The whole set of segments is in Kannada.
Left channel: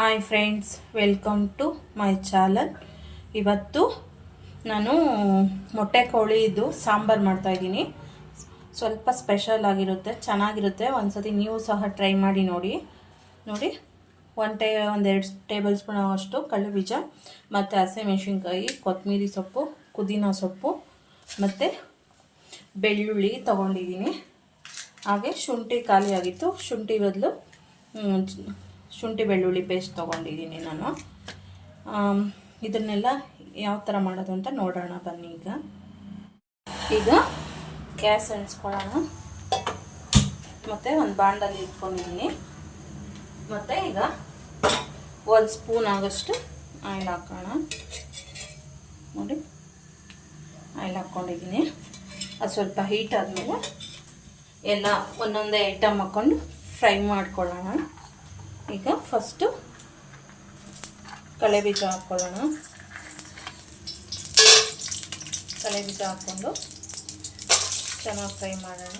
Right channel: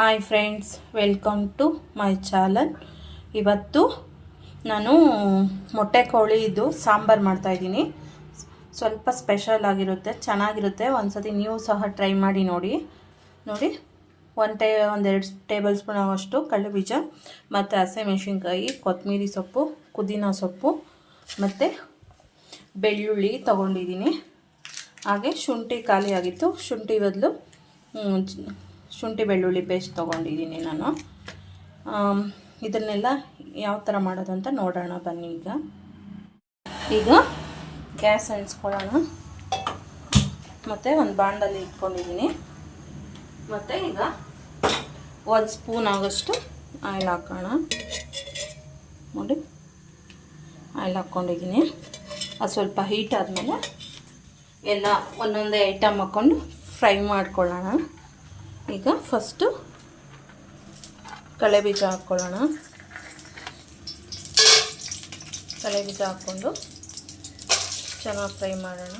Hi friends welcome to my channel ಇವತ್ತು ನಾನು ಮೊಟ್ಟೆ ಕೋಳಿದು ಸಾಂಬಾರು ಮಾಡ್ತಾಯಿದ್ದೀನಿ ಸ್ವಲ್ಪ ಸ್ಪೆಷಲ್ ಆಗಿರುತ್ತೆ, ಚೆನ್ನಾಗಿರುತ್ತೆ. ಒಂದ್ಸತಿ ನೀವು ಸಹ ಟ್ರೈ ಮಾಡಿ ನೋಡಿ. ನೋಡಿ ಒನ್ ಟೇ, ಒಂದೆರಡು ಟೇಬಲ್ ಸ್ಪೂನ್ ಆಗುವಷ್ಟು ಬೀಜ ಮತ್ತು ಹಸಿಮೆಣ್ಸಿನ್ಕಾಯಿ ಕೊತ್ತಂಬರಿ ಸೊಪ್ಪು, ಪುದೀನ ಸೊಪ್ಪು, ಮತ್ತು ಬೆಳ್ಳುಳ್ಳಿ ತೊಗೊಂಡಿದ್ದೀನಿ. ಹಾಗೆ ಶುಂಠಿ ಖಾಲಿ ಆಗಿತ್ತು ಶುಂಠಿ ಬದಲು ಶುಂಠಿ ಬೆಳ್ಳುಳ್ಳಿ ಪೇಸ್ಟ್ ತೊಗೊಂಡಿದ್ದೀನಿ ನಾನು. ಇದನ್ನೆಲ್ಲ ಯಾವ ಥರ ಮಾಡೋದು ಅಂತ ನೋಡೋಣ, ಬನ್ನಿ ಈಗ. ಈಗ ಗ್ಯಾಸ್ ಹಂಚ್ಕೊಳ್ಳೋಣ ಮತ್ತು ಒಂದು ಬಾಂಡಲ್ಲಿ ಇಟ್ಕೊಂಡಿದ್ದೀನಿ. ಮತ್ತು ಈಗ ಒಂದು ಸ್ಪೂನ್ ಆಗೋಷ್ಟು ಆಯಿಲ್ ಹಾಕೋಣ. ನೋಡಿ, ಆಯಿಲ್ ಹಾಕ್ಕೊಂಡಿದ್ದೀನಿ. ಅದು ಸ್ವಲ್ಪ ಹೀಟ್ ಆದಮೇಲೆ ಎಲ್ಲ ಒಂದೊಂದೇ ಐಟಮ್ ಹಾಕ್ಕೊಂಡು ಫ್ರೈ ಮಾಡ್ಕೊಳ್ಳೋಣ. ಈಗ ಫಸ್ಟು ಕಳೆ ಬೀಜ ಹಾಕ್ಕೊಳ್ಳೋಣ ಕಳೆ ಬೀಜ ಹಾಕ್ಕೊಂಡು ಚೆನ್ನಾಗಿ ಫ್ರೈ ಮಾಡೋಣ.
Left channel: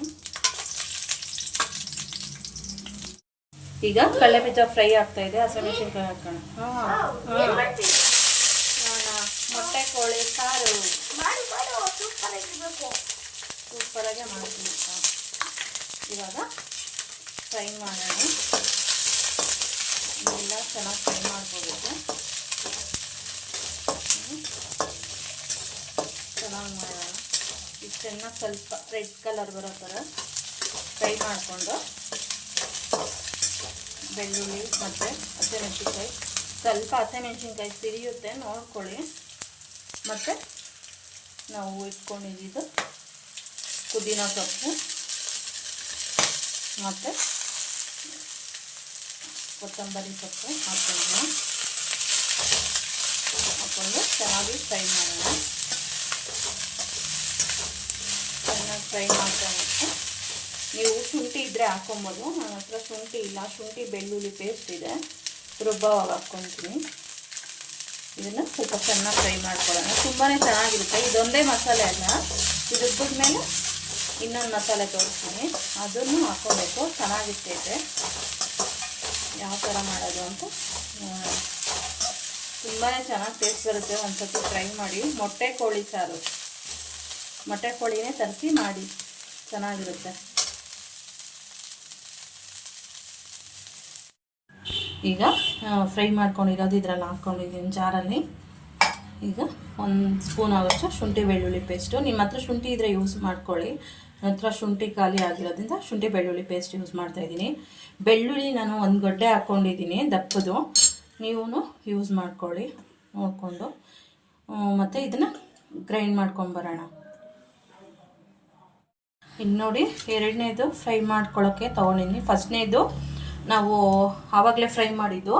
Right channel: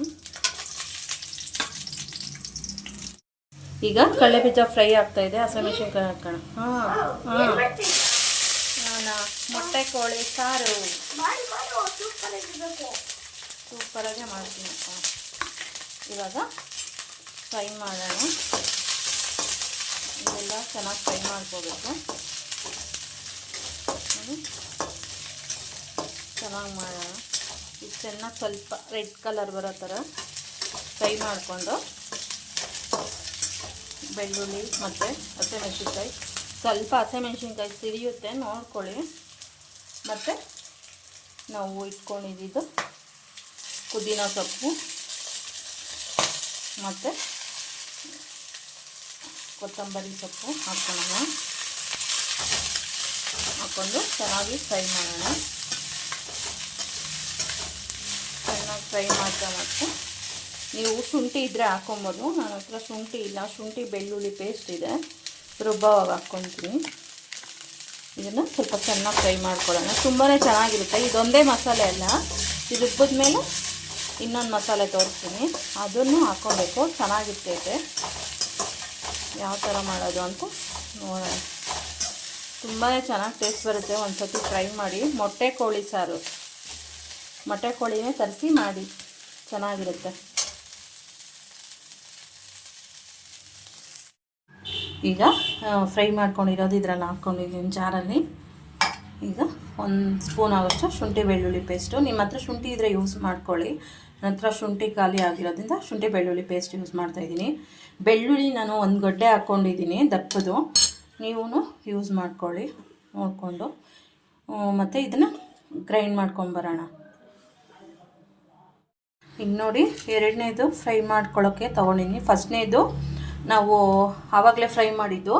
ಈಗ ಕಳೆ ಬೀಜ ಫ್ರೈ ಆಗ್ತಾ ಇದೆ. ಹಸಿಮೆಣಸಿನ್ಕಾಯಿ ಹಾಕೋಣ. ಹಾಂ. ಮೊಟ್ಟೆ, ಕೋಳಿ, ಸಾರು. ಸೂಪರಾಗಿ ಮಾಡ್ತೀನಿ. ಇವಾಗ ಫ್ರೈ ಮಾಡೋಣ. ಇದೆಲ್ಲ ಚೆನ್ನಾಗಿ ಫ್ರೈ ಮಾಡ್ಕೋಬೇಕು. ಚೆನ್ನಾಗಿ ಮಾಡೋಣ. ಇದು ಚೆನ್ನಾಗಿ ಸ್ವಲ್ಪ ರೆಡ್ ಕಲರ್ ಬರೋ ಥರ ಫ್ರೈ ಮಾಡಿಕೊಂಡು ಬೆಳ್ಳುಳ್ಳಿ ಮತ್ತು ಹಸಿಮೆಣ್ಸಿನ್ಕಾಯಿ. ಸ್ವಲ್ಪ ಹಸಿಮೆಣ್ಸಿನ್ಕಾಯಿ ಸಿಡಿಯುತ್ತೆ ನೋಡ್ಕೊಳ್ಳಿ. ಮತ್ತು ನಾವು ಇಟ್ಕೊಂಡಿದ್ದು ಪುದೀನ ಸೊಪ್ಪು. ಮತ್ತು ಕೊತ್ತಂಬರಿ ಸೊಪ್ಪು ಹಾಕ್ಕೊಂಡು ಹಾಕ್ಕೊಂಡು ಚೆನ್ನಾಗಿ ಫ್ರೈ ಮಾಡೋಣ. ಚೆನ್ನಾಗಿ ಫ್ರೈ ಮಾಡ್ತಾ ನೀವು ಶುಂಠಿ ಇದ್ದರೆ ಹಾಕೊಬೋದು. ನನ್ನ ಹತ್ರ ಶುಂಠಿ ಇಲ್ಲ. ಶುಂಠಿ ಬೆಳ್ಳುಳ್ಳಿ ಪೇಸ್ಟ್ ಇದೆ. ರುಬ್ಬವಾಗ ಹಾಕ್ಕೊತೀನಿ ಇದನ್ನು ಸ್ವಲ್ಪ ಚೆನ್ನಾಗಿ ಫ್ರೈ ಮಾಡ್ಕೊಳ್ಳೋಣ. ತುಂಬಾ ಚೆನ್ನಾಗಿರುತ್ತೆ. ಇದೊಂದೇ ಮಸಾಲೆ ಅಲ್ಲ. ಇದು ರುಬ್ಬಿದ್ಮೇಲೆ ಇನ್ನೊಂದು ಮಸಾಲೆ ತೋರಿಸ್ತೀನಿ. ಅದನ್ನು ಹಾಕ್ಕೋಬೇಕು ಚೆನ್ನಾಗಿರ್ತೈತೆ. ಯಾವ ಥರ ಮಾಡೋದು ಅಂತ ನೋಡೋಣ. ತುಂಬಾ ಚೆನ್ನಾಗಿ ಟೇಸ್ಟ್ ಬರುತ್ತೆ ಒಂದು ಸತಿ ಟ್ರೈ ಮಾಡಿ. ಮೊಟ್ಟೆ ಕೋಳಿ ಸಾರು. ಮೊಟ್ಟೆ ಕೋಳಿನೇ ತರಿಸಿ ಮಾಡಿ. ಚೆನ್ನಾಗಿರುತ್ತೆ. ಈಗ ಫ್ರೈ ಮಾಡ್ಕೊಂಡಿರೋದು ಇದರಲ್ಲಿ ಹಾಕ್ಕೊಂಡಿದ್ದೀನಿ ಜಾರಲ್ಲಿ. ಈಗ ಒಂದು ಸ್ಪೂನ್ ಆಗೋಷ್ಟು ಶುಂಠಿ ಬೆಳ್ಳುಳ್ಳಿ ಪೇಸ್ಟು ನಿಮ್ಮ ಹತ್ರ ಶುಂಠಿ ಇದ್ದರೆ ಯೂಸ್ ಮಾಡ್ಕೊಳ್ಳಿ. ನನ್ನ ಹತ್ರ ಶುಂಠಿ ಖಾಲಿ ಆಗಿರೋದ್ರಿಂದ ಶುಂಠಿ ಬೆಳ್ಳುಳ್ಳಿ ಪೇಸ್ಟ್ ಯೂಸ್ ಮಾಡ್ತಾಯಿದ್ದೀನಿ ಬೆಳ್ಳುಳ್ಳಿ ನಾನು ಒಂದು ಗಡ್ಡೆ ಹಾಕ್ಕೊಂಡಿದ್ದೀನಿ ದಪ್ಪದು. ನೀವು ಯೂಸ್ ಮಾಡ್ಕೊಳ್ಳಿ, ನೋಡಿಕೊಂಡು. ಮತ್ತು ಇದನ್ನು ಗ್ರೈಂಡ್ ಮಾಡ್ಕೊಂಬರೋಣ ಈಗ ನೋಡಿ ಎರಡನೇದು ಫ್ರೈ ಮಾಡ್ಕೊಳ್ಳೋಕ್ಕೆ ತೊಗೊಂಡಿದ್ದೀನಿ. ಫಸ್ಟ್ನೇದು ನಾವು ಆವಾಗಲೇ ಫ್ರೈ ಮಾಡಿದ್ದು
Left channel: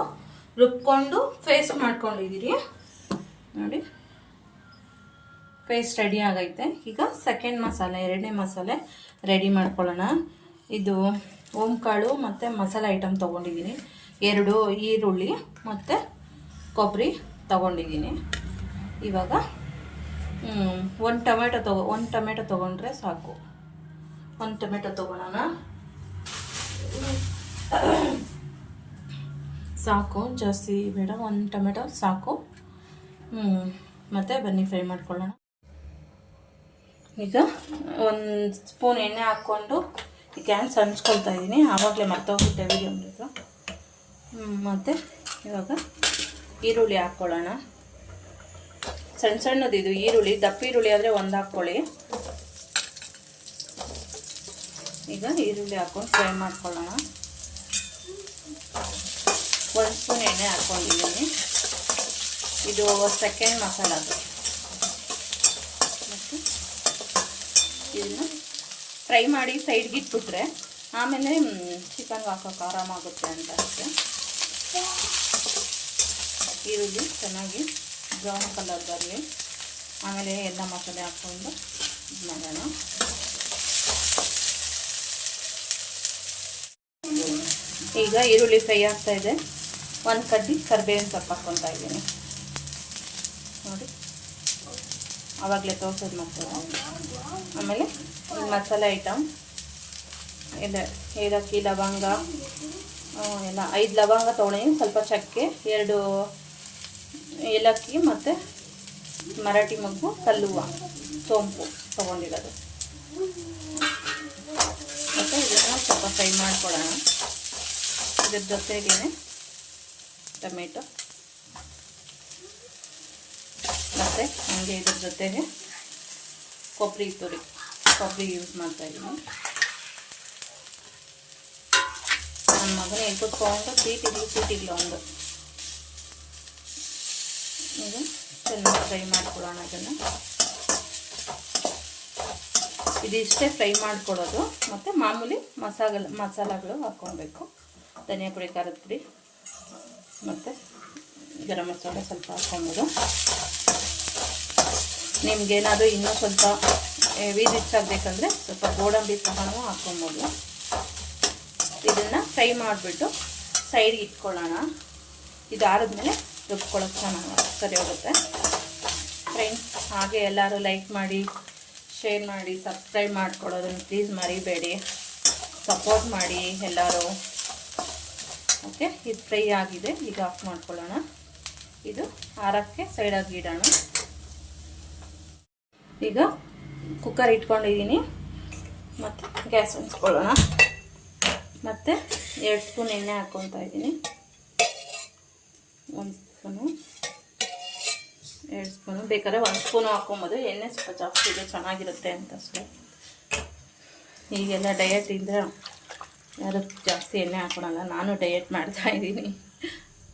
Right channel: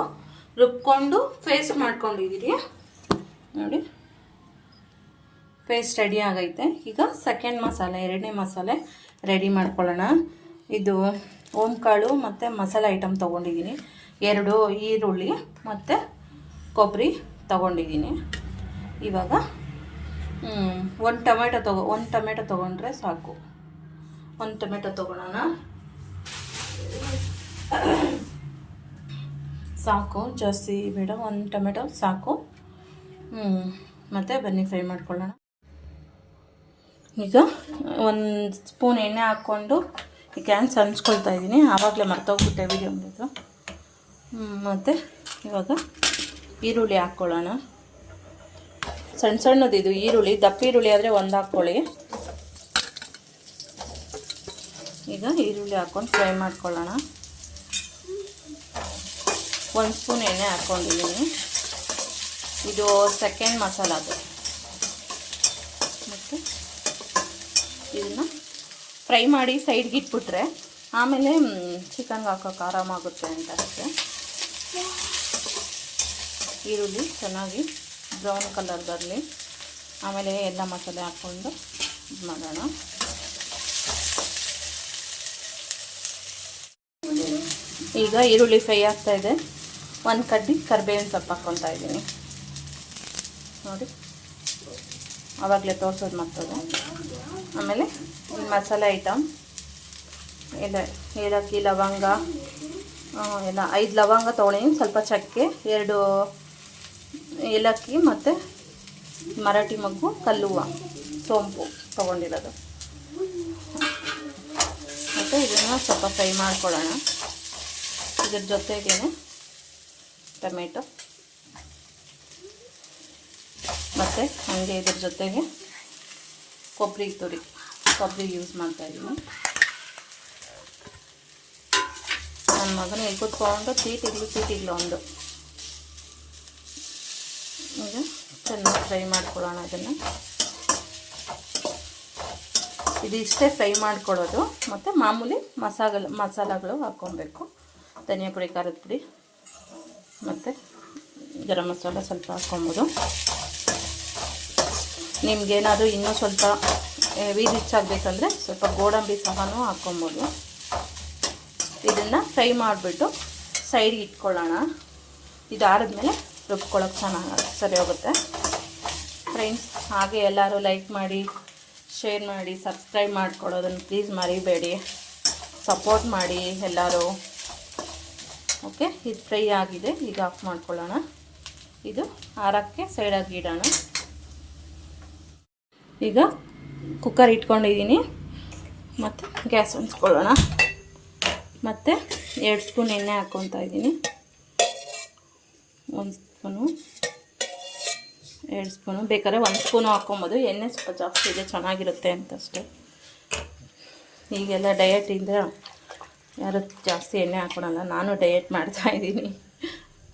ರುಬ್ಕೊಂಡು ಪೇಸ್ಟ್ ಮಾಡ್ಕೊಂಡಿದ್ದೀರಿ ನೋಡಿ. ಪೇಸ್ಟ್ ರೆಡಿ ಆಗೈತೆ. ಈಗ ಸೆಕೆಂಡ್ ಮಸಾಲೆ, ಎರಡನೇ ಮಸಾಲೆ ರೆಡಿ ಮಾಡ್ಕೊಳ್ಳೋಣ. ಇದು ಓಂಕಾಳು ಮತ್ತು ಮಸಾಲೆ ಐಟಮ್ ತೊಗೊಂಡಿದ್ದೀನಿ. ಎರಡು ಈರುಳ್ಳಿ ಮತ್ತು ಕೊಬ್ಬರಿ ತೊಗೊಂಡಿದ್ದೀನಿ. ಇವಾಗ ಒಂದು ಟೊಮೆಟೊ ತಗೋ, ಒಂದು ಟೊಮೆಟೊ ತೊಗೊಂಡ್ರೆ ಸಾಕು. ಒಂದು ಟೊಮೆಟೊ ತೊಗೊಳೋಣ ಸಾಕು, ಜಾಸ್ತಿ ಬೇಡ, ಒಂದು ಟೊಮೆಟೊ ಸಾಕು. ಮತ್ತು ಬನ್ನಿ, ಫ್ರೈ ಮಾಡ್ಕೊಳ್ಳೋಣ. ಈಗ ಒಂದು ಸ್ಪೂನ್ ಎಣ್ಣೆ ಹಾಕ್ಕೊಂಡು ಈ ಕ್ಯಾನ್ ಹಂಚ್ಕೊಳ್ತಾ ಇದ್ದೀನಿ. ಆವಾಗಲೇ ಮರ್ತೋಗ್ಬಿಟ್ಟೆ ವಿಡಿಯೋ ಮಾಡೋದು ಮತ್ತು ಇವಾಗ ಈರುಳ್ಳಿ ಹಾಕ್ಕೊಳ್ಳೋಣ ಸಣ್ಣ ಸಣ್ಣದಿದು ಈರುಳ್ಳಿ. ದಪ್ಪ ಈರುಳ್ಳಿ ಆದರೆ ಒಂದು ಹಾಕ್ಕೊಳ್ಳಿ ಈಗ ಈರುಳ್ಳಿ ಹಾಕ್ಕೊಂಡು ಫ್ರೈ ಮಾಡ್ಕೊಳ್ಳೋಣ. ಒಂದು ಸ್ಪೂನ್ ಎಣ್ಣೆ ಹಾಕ್ಕೊಂಡಿದ್ದೀನಿ ಇದು ಸೆಕೆಂಡ್ ಮಸಾಲ ಅದು ಮತ್ತು ಇದನ್ನು ಫ್ರೈ ಮಾಡಿ ಸೈಡ್ಗೆ ಇಟ್ಬಿಟ್ರೆ ಆಮೇಲೆ ಚಿಕನ್ಗೆ ಹಾಕೋಕೆ ಆರಾಮಾಗುತ್ತೆ ಅಂತ ಅಷ್ಟೆ. ಈರುಳ್ಳಿ ಚೆನ್ನಾಗಿ ಬ್ರೌನ್ ಕಲರ್ ಬರಲಿ. ಆಮೇಲೆ ಎಲ್ಲ ಮಸಾಲೆ ಹಾಕ್ಕೊಂಡು ಇದು ಮಾಡೋಣ. ಈಗ ಈರುಳ್ಳಿ ಫ್ರೈ ಆಗ್ತಾ ಇದೆ. ಒಂದು ಕಡ್ಡಿ ಕರಿಬೇವಿನ ಸೊಪ್ಪು ಹಾಕ್ಕೊತಾ ಇದ್ದೀನಿ. ನೋಡಿ. ಆವಾಗಲೇ ತೋರಿಸೋದು ಮತ್ತೋದು ಆಮೇಲೆ ಮಸಾಲೆ ಐಟಮ್. ಎಲ್ಲ ಏಲಕ್ಕಿ, ಲವಂಗ ಎಲ್ಲ ಐದು ಲವಂಗ ತೊಗೊಂಡಿನಿ ಸ್ವಲ್ಪ ಚಕ್ಕೆ, ಎರಡು ಏಲಕ್ಕಿ ಮತ್ತು ಮರಾಠಿ ಮಗ್ಗು, ಕಲ್ಲುವ, ಸೋಂಪು ತೊಗೊಂಡಿರೋದು. ಮತ್ತು ಇದನ್ನು ಸ್ವಲ್ಪ ಫ್ರೈ ಮಾಡ್ಕೊಳ್ಳೋಣ. ಇದ್ರ ಜೊತೆಗೇನೆ ಟೊಮೆಟೊ. ಮತ್ತು ಹಂಗೆ ಇದ್ರ ಜೊತೆಗೆ ಕೊಬ್ಬರಿ ತುರಿ. ಕೊಬ್ಬರಿ ಯೂಸ್ ಮಾಡ್ತಾ ಇದ್ದೀನಿ. ನನ್ನ ಮಗನ ಇಲ್ಲಿ ಕೂತ್ಕೊಂಡು ಸೀಟಿಗ್ಲು ಸೀಟಿಗ್ಲು ಒಂದು. ಚೆನ್ನಾಗಿ ಫ್ರೈ ಮಾಡ್ಕೊಳ್ಳೋಣ ಅದನ್ನು. ಇದಿಷ್ಟೇ ಫ್ರೈ ಮಾಡ್ಕೊಳ್ಳೋದು. ಮತ್ತು ಮಾಮೂಲಿ ಮಸಾಲ, ಮಸಾಲಗಳು ಹಾಕ್ಕೊಬೇಕು. ಧನಿಯಾ ಪುಡಿ, ಖಾರದ ಪುಡಿ, ಮತ್ತು ಗರಂ ಮಸಾಲೆ ಸ್ವಲ್ಪ ಹಾಕ್ಕೊಬೋದು. ನಿಮ್ಗೇನಾದರೂ ಇನ್ನೂ ಸ್ವಲ್ಪ ಹೆವಿ ಹೆಚ್ಚಾಗಬೇಕಂದ್ರೆ ಸ್ವಲ್ಪ ಗೋಡಂಬಿ ಸಹನೂ ಹಾಕ್ಕೊಬೋದು. ಇದನ್ನು ಫ್ರೈ ಮಾಡಿಬಿಟ್ಟು ಸೈಡ್ಗೆ ಇಟ್ಕೊಳ್ಳೋಣ. ಇದಾರಿದ್ಮೇಲೆ ರುಬ್ಕೊಳ್ಳೋಕೆ ಚೆನ್ನಾಗಿ ಸರಿ ಹೋಗುತ್ತೆ. ಫ್ರೆಂಡ್ಸ್ ಹಾಗೆ ಎಲ್ಲರೂ ಲೈಕ್ ಮಾಡಿ ಶೇರ್ ಮಾಡಿ ಸಬ್ಸ್ಕ್ರೈಬ್ ಮಾಡ್ಕೊಳ್ಳೋದನ್ನು ಪ್ಲೀಸ್ ಮರಿಬೇಡಿ. ಸಪೋರ್ಟ್ ಮಾಡಿ ಎಲ್ಲರೂ. ಓಕೆ ಇದು ಫ್ರೈ ಆಗಿದೆ. ಈಗ ಆಫ್ ಮಾಡ್ಕೊಳ್ಳೋಣ. ಇದು ಆರಕ್ಕೆ ಸೈಡಾಗಿ ಇಡೋಣ. ಈಗ ಕುಕ್ಕರ್ ಇಟ್ಕೊಂಡಿದ್ದೀನಿ. ಮತ್ತು ಗ್ಯಾಸ್ ಹೊಂದ್ಕೊಳ್ಳೋಣ. ಮತ್ತು ಎರಡು ಸ್ಪೂನ್ ಎಣ್ಣೆ ಹಾಕ್ಕೊತಾ ಇದ್ದೀನಿ. ಒಂದು ಸ್ಪೂನು. ಎರಡು ಸ್ಪೂನು. ಬೇಕಾದ್ರೆ ಒಂದು ಸ್ಪೂನು ಹಾಕ್ಕೊಬೋದು. ಎಣ್ಣೆ ಸ್ವಲ್ಪ ಜಾಸ್ತಿ ಇದೆ ಚೆನ್ನಾಗಿರುತ್ತೆ ಅಂತ ಅಷ್ಟೇ. ಈಗೆಲ್ಲ ಡಯಟ್ ಇದ್ದರೆ ಯಾರು ಜಾಸ್ತಿ ಎಣ್ಣೆ ಹಾಕ್ಕೊಳಲ್ಲ ನಾನು ಡಯಟ್ ಮಾಡ್ತಾ ಇದ್ದೀನಿ.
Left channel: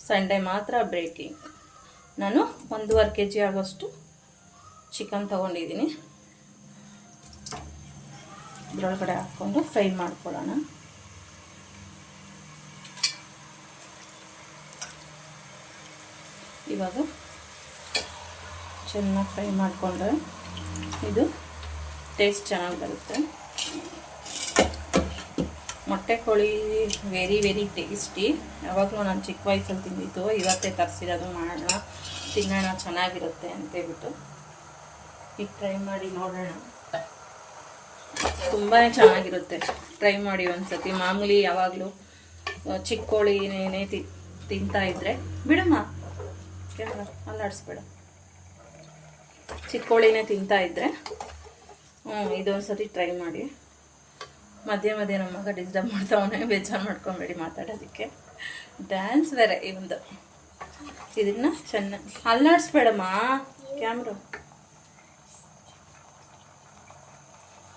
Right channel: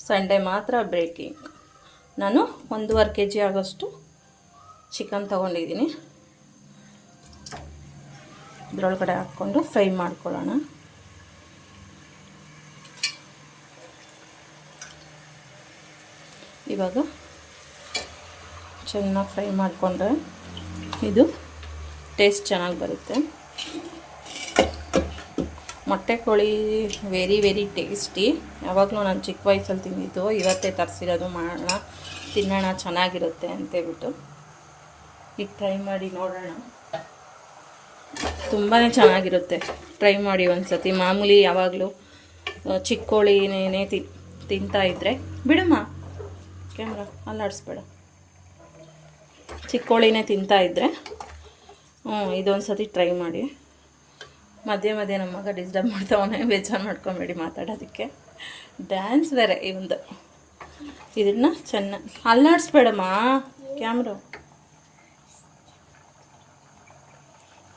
ಸಂಡೇ ಮಾತ್ರ ಬ್ರೇಕಿಂಗ್ ನಾನು ಒಂದೂವರೆ ಕೆ ಜಿ ಆಗೋಷ್ಟು ಚಿಕನ್ ತೊಗೊಂಡಿದ್ದೀನಿ. ಇದ್ರೊಳಗಡೆ ಹಾಕ್ಕೊಂಡು ಫ್ರೈ ಮಾಡ್ಕೊಳ್ಳೋಣ. ಇವಾಗ ಚೆನ್ನಾಗಿ ಫ್ರೈ ಮಾಡಿಕೊಂಡ್ರೆ ಇದು ಟೇಸ್ಟ್ ಚೆನ್ನಾಗಿ ಬರುತ್ತೆ. ಮೊಟ್ಟೆ ಕೋಳಿ ವೆರಿ ವೆರಿ ಟೇಸ್ಟಿ. ಯಾವಾಗಲೂ ನಾನು ಚಿಕ್ಕ ವಯಸ್ಸಲ್ಲಿ ತಿಂದಿದ್ದು, ಇವತ್ತೇ ತರಿಸಿರೋದು ಮಾಡೋಣ, ತಿನ್ನೋಣ, ಚೆನ್ನಾಗಿರುತ್ತೆ ಅಂತೇಳ್ಬಿಟ್ಟು. ಈಗ ಟ್ರೈ ಮಾಡಿ ನೋಡೋಣ. ತುಂಬಾ ಚೆನ್ನಾಗಿರುತ್ತೆ. ಟ್ರೈ ಮಾಡಿ ಒಂದ್ಸತಿ. ಮಾಮೂಲಿ ಯಾವಾಗಲೂ ಚಿಕ್ಕ ಕೋಳಿನೇ ತಿ, ತಿಂತಾ ಇದ್ರೆ, ಬಿಡಮ್ಮ. ಕ್ಯಾಮ್ರಾ ಅಲ್ಲಾಡಿಸ್ಬೇಡ ಚಿಕ್ಕ ಕೋಳಿನೇ ತಿಂತಾ ಇದ್ರೆ ಹ್ಞೂ ಇದೊಂದು ಸತಿ ಟ್ರೈ ಮಾಡಿ. ಮಧ್ಯೆ ಮಧ್ಯೆ ನಮ್ಮ ಮಗ ಡಿಸ್ಟರ್ಬ್ ಮಾಡ್ತಾವನೆ, ಬೇಜಾರು ಮಾಡ್ಕೊಬೇಡಿ ಮಾತಾಡೋದಕ್ಕೆ. ಡ್ಯಾನ್ಸ್ ಬೇರೆ ಇವಂದು ಇದನ್ನು ಚೆನ್ನಾಗಿ ಅಲ್ಲಾಡಿಸ್ಬೇಡಮ್ಮ ಕ್ಯಾಮ್ರಾ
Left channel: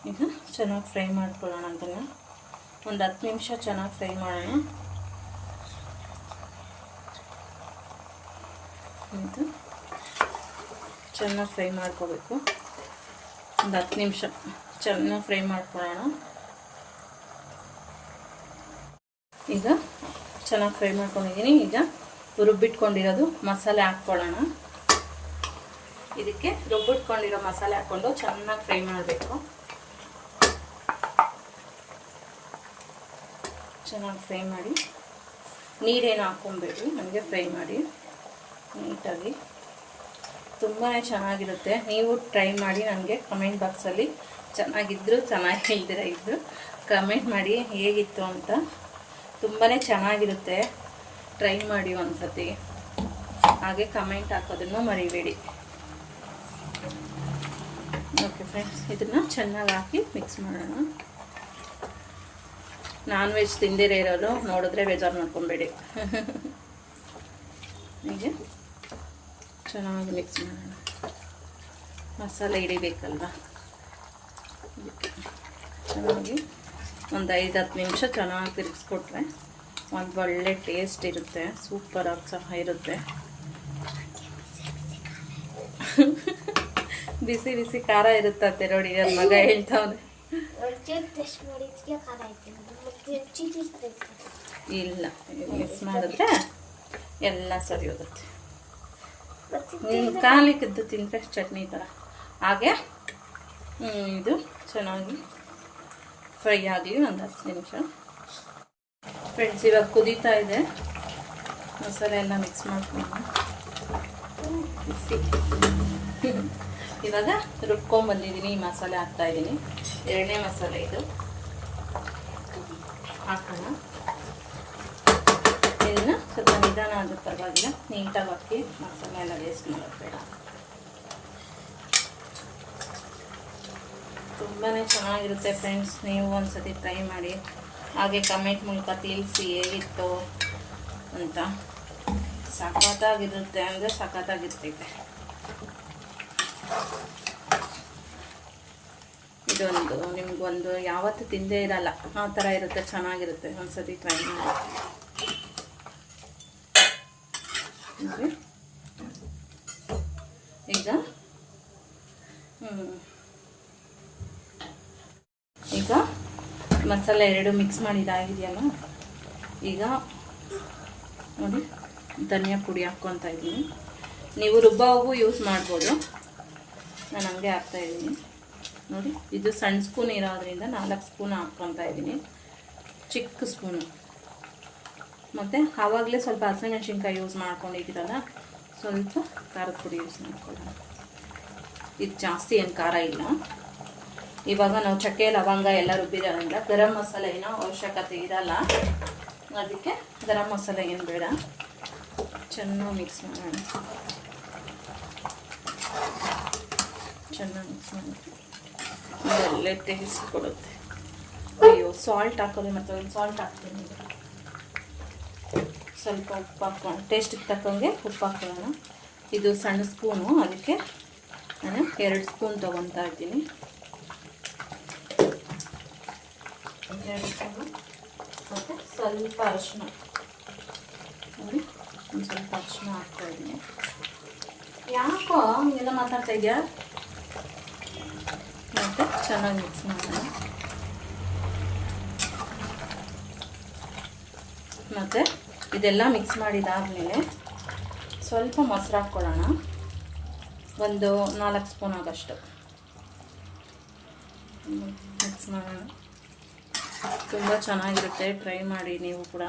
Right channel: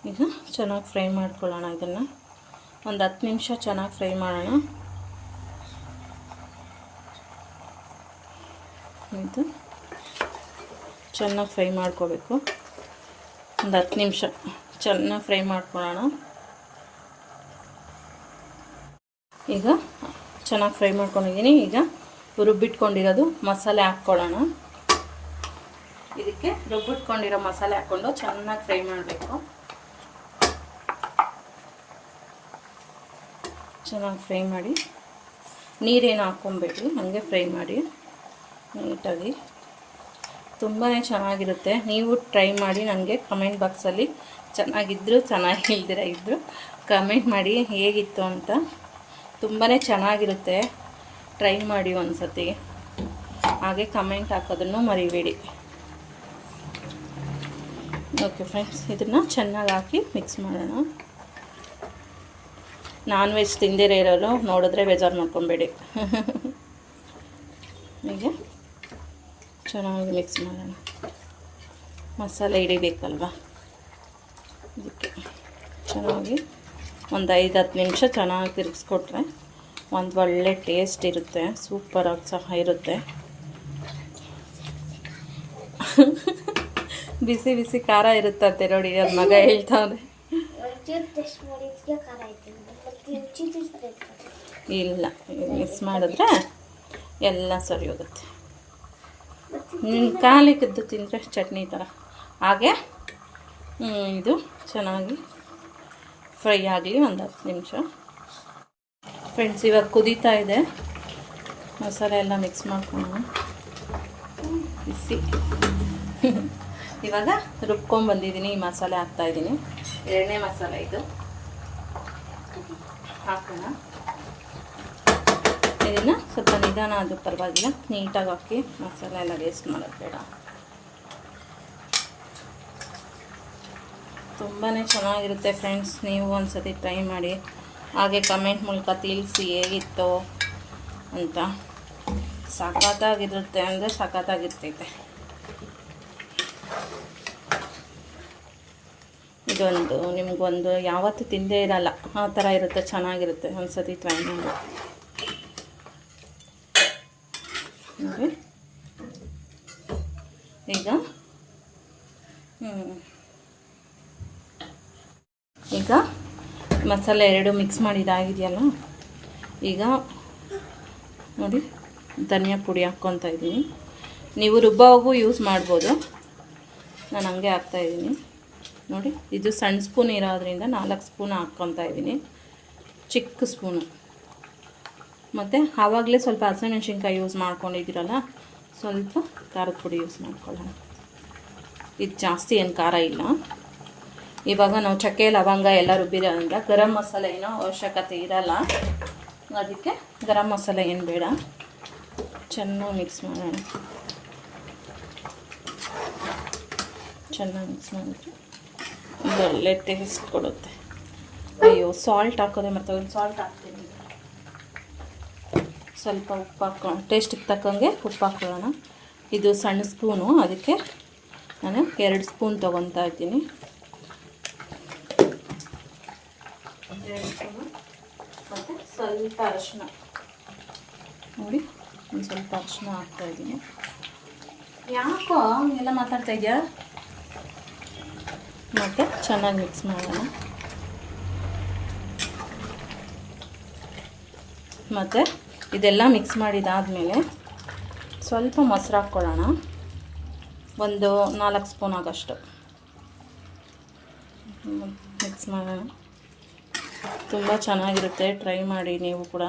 ಈಗ ಚೆನ್ನಾಗಿ ಫ್ರೈ ಮಾಡ್ಕೊಳ್ಳೋಣ ಅದನ್ನು ಒಂದು ಹತ್ತು ನಿಮಿಷ ಚೆನ್ನಾಗಿ ಫ್ರೈ ಮಾಡೋಣ. ಇದು ಚೆನ್ನಾಗಿ ಫ್ರೈ ಮಾಡ್ಕೋಬೇಕು. ಒಂದು ಹತ್ತು ನಿಮಿಷ ಚೆನ್ನಾಗಿ ಫ್ರೈ ಮಾಡ್ಕೊಳ್ಳೋಣ. ಈಗ ಚೆನ್ನಾಗಿ ಫ್ರೈ ಮಾಡ್ಕೊಂಡಿದ್ದೀನಿ. ಈಗ ರುಬ್ಬಿಟ್ಕೊಂಡಿರೋದು ಮಸಾಲೆ ಹಾಕ್ಕೊಳ್ಳೋಣ. ಇದಕ್ಕೆ ರುಬ್ಬಿಟ್ಕೊಂಡಿರೋ ಮಸಾಲೆ ಹಾಕ್ಕೊಂಡು ಚೆನ್ನಾಗಿ ಫ್ರೈ ಮಾಡಬೇಕು. ಚೆನ್ನಾಗಿ ಫ್ರೈ ಮಾಡಿ, ನೀರೇನು ಹಾಕ್ಕೊಬೇಡಿ ಹಾಗೆ ಫ್ರೈ ಮಾಡಿ, ನೀಟಾಗಿ. ತುಂಬಾ ಚೆನ್ನಾಗಿರುತ್ತೆ. ನೀವು ಟ್ರೈ ಮಾಡಿ, ನನಗೆ ಕಮೆಂಟ್ ಬಾಕ್ಸಲ್ಲಿ ಚೆನ್ನಾಗಿದ್ದರು ಚೆನ್ನಾಗಿಲ್ದಿರ ಇದ್ದರು ಕಮೆಂಟ್ ಮಾಡಿ ಹೇಗಿತ್ತು ಅಂತ. ತುಂಬಾ ಚೆನ್ನಾಗಿರುತ್ತೆ. ಟ್ರೈ ಮಾಡಿ ಒಂದು ಸತಿ ಹಾಗೆ ಕಮೆಂಟ್ ಹಾಕೋದನ್ನು ಮರಿಬೇಡಿ. ಓಕೆ ಫ್ರೆಂಡ್ಸ್ ಇದನ್ನು ಚೆನ್ನಾಗಿ ಹಾಕಿ ಮಿಕ್ಸ್ ಮಾಡೋಣ. ನಾನ್ ವೆಜ್ ತಿಂದಿರೇ ಇರೋರು ನೋಡಿದ್ರೆ ಬೇಜಾರು ಮಾಡ್ಕೊಬೇಡಿ. ಹೀಗೆ. ಚೆನ್ನಾಗಿ ಮಿಕ್ಸ್ ಮಾಡೋಣ. ಮಸಾಲೆ ಹಿಡಿಬೇಕಲ್ವ? ಇದಕ್ಕೆ ಚೆನ್ನಾಗಿ ಒಂದು ಐದು ಹತ್ತು ನಿಮಿಷ ಚೆನ್ನಾಗಿ ತಿರುಗಿಸ್ಕೊಟ್ರೆ ಒಂದು ಒಳ್ಳೆ ಟೇಸ್ಟ್ ಇರುತ್ತೆ ಸೂಪರಾಗಿ ಸಹ ಇರುತ್ತೆ. ಬಿಸಿ ಬಿಸಿ ಖಾರ ಇರುತ್ತಂತೆ ನೋಡಿ ನನ್ನ ಮಗ ಹೇಳ್ತಾನೆ ಇಲ್ಲ ಮಿಕ್ಸ್ ಮಾಡಿದ್ರೆ ಎಲ್ಲ ಸರಿ ಹೋಗುತ್ತೆ. ನೀನು ಕಾಲಿ ಕಾಲಿಕ್ಕಿದ್ದು ತಿಂದರೆ ಚಟ್ನಿ ಥರ. ಹಾಗೆ ಇದು ಚೆನ್ನಾಗಿ ಫ್ರೈ ಆಗಲಿ ಒಂದು ಹತ್ತು ನಿಮಿಷ. ಫ್ರೆಂಡ್ಸ್ ಇವಾಗ ಕುದೀತಾ ಇದೆ. ಮಸಾಲೆ ಎಲ್ಲ ಮಿಕ್ಸ್ ಮಾಡ್ಕೊಂಡು ಬಿಸಿ. ಇವಾಗ ರುಬ್ಕೊಂಡ್ಬಂದಿದ್ದೀನಿ ಈ ಮಸಾಲೆ ಹಾಕ್ತಾಯಿದ್ದೀನಿ ಎರಡನೇ ಮಸಾಲೆ ಇದು. ಹಾಕೋಣ. ಇದನ್ನು ಸ್ವಲ್ಪ ನಿಧಾನ ಆದ ಪರವಾಗಿಲ್ಲ. ನೀಟಾಗಿ ಹಾಕಿ ಮಸಾಲೆ ಎಲ್ಲ ವೇಸ್ಟ್ ಮಾಡೋದು ಬೇಡ. ತುಂಬಾ ಚೆನ್ನಾಗಿರುತ್ತೆ ಫ್ರೆಂಡ್ಸ್ ನೀವು ಒಂದ್ಸತಿ ಟ್ರೈ ಮಾಡಿ. ಹಾಗೆ ಕಮೆಂಟ್ ಮೂಲಕ ತಿಳಿಸಿ ಹೇಗಿತ್ತು ಅಂತ. ಸಖತ್ತಾಗಿರುತ್ತೆ ಅಂದರೆ ಸಖತ್ತಾಗಿರ್ತೈತೆ. ಇದೊಂದು ನಿಮಗೊಂದು ಯಾವತ್ತೂ ತಿಂದೇ ಇರಲ್ಲ. ಆ ಥರ ಇರುತ್ತೆ, ಚೆನ್ನಾಗಿರುತ್ತೆ. ಒಂದ್ಸತಿ ಟ್ರೈ ಮಾಡಿ. ಈಗ? ಈಗ ಮಸಾಲೆ ಎರಡು ಮಿಕ್ಸ್ ಮಾಡಿದಾಗಿದೆಯಲ್ಲ ಈಗ ನೋಡಿ, ಧನಿಯಾ ಪುಡಿ ಹಾಕ್ಕೊತಾ ಇದ್ದೀನಿ. ನೀವು ರುಬ್ಬವಾಗೂ ಯೂಸ್ ಮಾಡ್ಬೋದು. ನಾನು ಹಂಗೆ ಹಾಕ್ತಾಯಿದ್ದೀನಿ ನೋಡಿ, ಇದು ಸಣ್ಣ ಸ್ಪೂನ್ ಇರೋದ್ರಿಂದ ನಾಲ್ಕು ಸ್ಪೂನ್ ಹಾಕ್ಕೊತಾ ಇದ್ದೀನಿ. ಚಿಕ್ಕ ಸ್ಪೂನು. ಮತ್ತು ಆವಾಗಲೇ ಸ್ವಲ್ಪ ಹಸಿಮೆಣ್ಸಿನ್ಕಾಯಿ ಯೂಸ್ ಮಾಡ್ಕೊಂಡಿದ್ದೀರಲ್ಲ, ಸ್ವಲ್ಪ ಖಾರದ ಪುಡಿ ಯೂಸ್ ಮಾಡ್ಕೊಳ್ಳೋಣ. ಇದು ಜಾಸ್ತಿ ಏನು ಖಾರ ಇಲ್ಲ. ಇವಾಗ ನಾವು ಚಕ್ಕೆ, ಲವಂಗ ಎಲ್ಲ ರುಬ್ಬಿರೋದ್ರಿಂದ ಗರಂ ಮಸಾಲೆ ಏನೋ ಅವಶ್ಯಕತೆ ಇರಲ್ಲ. ಅದಕ್ಕೆ ಗರಂ ಮಸಾಲೆ ಏನು ಬೇಡ. ಚೆನ್ನಾಗಿ ಮಿಕ್ಸ್ ಮಾಡೋಣ. ಚೆನ್ನಾಗಿ ಮಿಕ್ಸ್ ಮಾಡಿಬಿಟ್ಟು. ಒಳ್ಳೆ ಟೇಸ್ಟ್ ಕೊಡುತ್ತೆ. ಅಯ್ಯೋ ಸಾಲ್ಟ್ ಹಾಕೋದೆ ಮತ್ತೆ ಒಂದು ಸಾಲ್ಟ್ ಹಾಕ್ತೀನಿ. ಸ್ವಲ್ಪ ಉಪ್ಪು ಹಾಕೋಣ ಟೇಸ್ಟಿಗೆ ತಕ್ಕಂಗೆ ಉಪ್ಪು ಹಾಕೊಳ್ಳೋಣ ಇದು ಸಣ್ಣ ಸ್ಪೂನು. ಅದಕ್ಕೆ ನಾನು ಎರಡು ಸ್ಪೂನ್ ತೊಗೊತಾ ಇದ್ದೀನಿ. ಸ್ವಲ್ಪ ಅರಿಶಿನ. ನೋಡಿ, ಒಂದು ಸ್ವಲ್ಪ ಅರಿಶಿನ ಹಾಕ್ತಾ ಇದ್ದೀನಿ. ಯಾಕೋ ಎಲ್ಲ ಮಾತಾಡ್ತಾ ಇದೆಯಾ ಮತ್ತು ಚೆನ್ನಾಗಿ ಮಿಕ್ಸ್ ಮಾಡೋಣ. ಮತ್ತು ಇದೆಲ್ಲ ಮಿಕ್ಸ್ ಮಾಡಿದಾದಮೇಲೆ ಸ್ವಲ್ಪ ಮೊಸರು ಹಾಕ್ಕೊಳ್ಳೋಣ. ಒಂದು ನಾಲ್ಕು ಸ್ಪೂನ್ ಆಗೋಷ್ಟು. ಮಿಕ್ಸ್ ಮಾಡೋಣ. ತುಂಬ ಚೆನ್ನಾಗಿರುತ್ತೆ. ಟ್ರೈ ಮಾಡಿ ನೀವು ಕೂಡ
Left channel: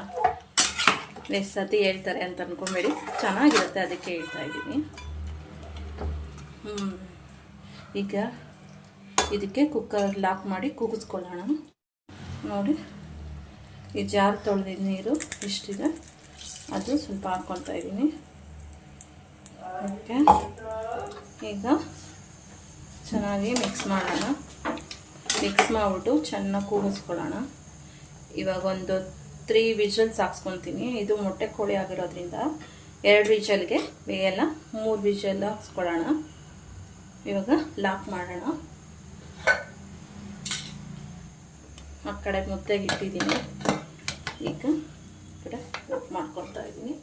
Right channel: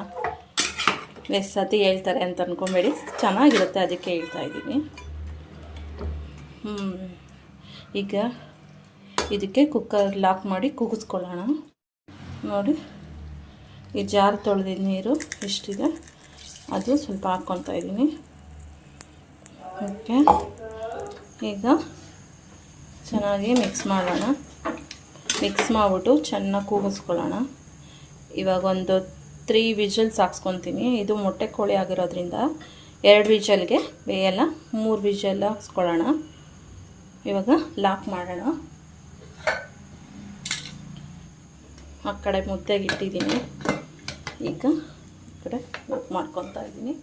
ಎಷ್ಟು ಸತಿ ಹೇಳ್ತಾರೆ ಅಂತ ಅಂದ್ಕೊಂಬೇಡಿ ಚೆನ್ನಾಗಿರುತ್ತೆ ಅದಕ್ಕೆ ಹೇಳ್ತಾ ಇದ್ದೀನಿ. ಈಗ ಇದಕ್ಕೆ ಕುಕ್ಕರ್ ಲಾಕ್ ಮಾಡಿ ಕೂಗಿಸ್ಕೊಳ್ಳೋಣ ನೋಡಿ, ಈ ಜಾರ್ ತೊಳೆದಿದ್ದ ನೀರು ಎಷ್ಟಿದೆ, ಅದು ಸ್ವಲ್ಪ ಹಾಕ್ಕೊತಾ ಇದ್ದೀನಿ. ಓಕೆ, ಈಗ ಚೆನ್ನಾಗಿ ಮಿಕ್ಸ್ ಮಾಡೋಣ. ಮಿಕ್ಸ್ ಮಾಡಿಬಿಟ್ಟು ಚೆನ್ನಾಗಿ ಕೂಗಿಸ್ಕೊಳ್ಳೋಣ ಇವಾಗ ಒಂದು ತ್ರೀ ವಿಜಲ್ಸ್ ಹಾಕ್ಸ್ಕೊತೀನಿ. ಇದು ಮೊಟ್ಟೆ ಕೋಳಿ ಆಗಿರೋದ್ರಿಂದ ಎರಡು ವಿಜಲ್ಗೆ ಬೇಯಲ್ಲ ಮೂರು ವಿಜಲ್ ಹಾಕ್ಸ್ಕೊಳ್ಳೋಣ. ಇವಾಗ ಲಾಕ್ ಮಾಡೋಣ. ಆ ಕಡೆ ಮುದ್ದೆಗೆ ಇಟ್ಟಿದ್ದೀನಿ. ಈಗ ಕಡೆ ಲಾಕ್ ಮಾಡ್ಕೊತಾ ಇದ್ದೀನಿ.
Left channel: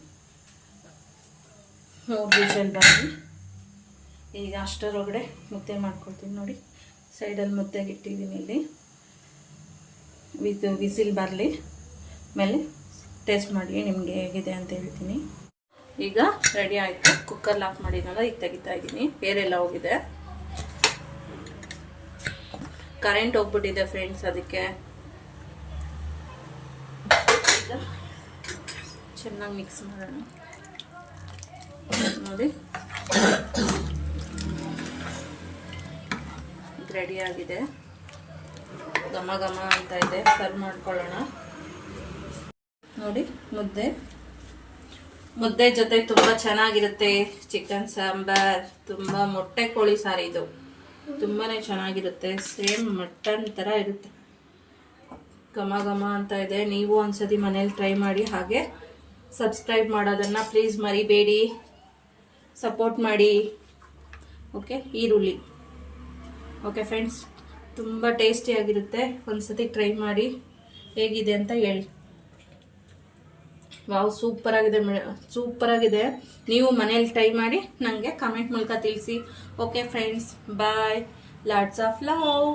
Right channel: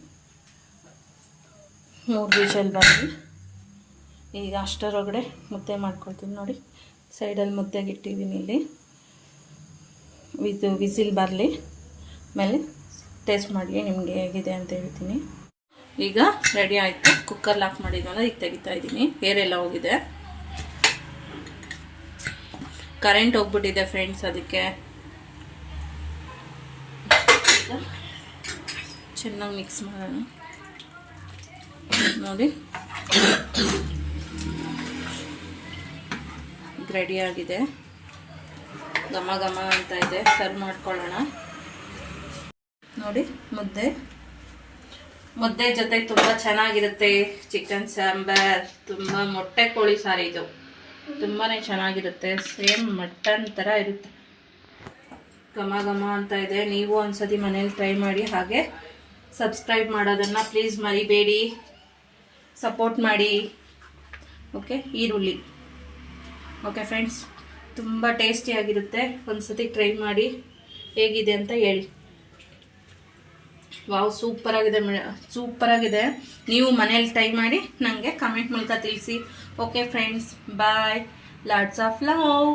ಮೂರು ವಿಷಲ್ ಬಂದು ಈಗ ಅಷ್ಟರೊಳಗಡೆ ಮುದ್ದೆ ಮಾಡ್ಕೊಳ್ತೀನಿ ನೋಡಿ. ಸೈಡಲ್ಲಿ ಮುದ್ದೆಗೆ ಇಟ್ಟಿದ್ದೀನಿ ಇಲ್ಲಿ. ಇದು ವಿಸಿಲ್ ಬರಲಿ. ಆಮೇಲೆ ಟೇಸ್ಟ್ ಮಾಡಿ ನಿಮಗೆ ಹೇಗಿದೆ ಅಂತ ಹೇಳ್ತೀನಿ. ಈಗ ರೆಡಿ ಆಯಿತು. ಕುಕ್ಕರ್ ಲಾಕ್ ಮಾಡಿದ್ದಾಗ ಈಗ ತೆಗಿತಾ ಇದ್ದೀನಿ. ಏರೆಲ್ಲ ಹೋಗಿದೆ. ಕರೆಂಟ್ ಹೋಗ್ಬಿಟ್ಟಿದೆ ಫ್ರೆಂಡ್ಸ್ ಅದಕ್ಕೆ. ಚೆನ್ನಾಗಿ ಮಿಕ್ಸ್ ಮಾಡೋಣ. ನೋಡಿ. ರೆಡಿ ಆಗಿದೆ. ಘಮ ಘಮ ಅಂತ ಇದೆ. ಸರ್ವ್ ಮಾಡ್ಕೊಳ್ಳೋಣ. ನೋಡಿ, ಮುದ್ದೆ. ಮುದ್ದೆ ಜೊತೆ ತುಂಬ ಚೆನ್ನಾಗಿರುತ್ತೆ. ಚಿಕನ್ ಸಾಂಬಾರ್, ತುಂಬ ಮೊಟ್ಟೆ ಕೋಳಿ ಸಾರು ಇದು. ತುಂಬಾ ಚೆನ್ನಾಗಿರುತ್ತೆ. ಸೇಮ್ ಮಟನ್ ಥರ ಇರುತ್ತೆ. ಘಮ ಘಮ ಅಂತ ಇದೆ. ನೀವು ಒಂದ್ಸತಿ ಮನೇಲಿ ಟ್ರೈ ಮಾಡಿ ಹಾಗೆ ಸಬ್ಸ್ಕ್ರೈಬ್ ಮಾಡೋದನ್ನು ಪ್ಲೀಸ್ ಮರಿಬೇಡಿ. ಸಪೋರ್ಟ್ ಮಾಡಿ. ಓಕೆ, ಈರುಳ್ಳಿ. ಓಕೆ ಫ್ರೆಂಡ್ಸ್, ತುಂಬ ಟೇಸ್ಟಿಯಾಗಿರುತ್ತೆ ಒಂದ್ಸತಿ ಟ್ರೈ ಮಾಡಿ ಹೇಗಿದೆ ಅಂತ ಹೇಳಿ. ವಾವ್ ಸೂಪರಾಗಿದೆ ಸೂಪರಾಗಿದೆ ನೀವು ಮನೇಲಿ ಟ್ರೈ ಮಾಡಿ ನನಗೆ ಕಮೆಂಟ್ ಮೂಲಕ ತಿಳಿಸಿ. Okay friends bye lots of love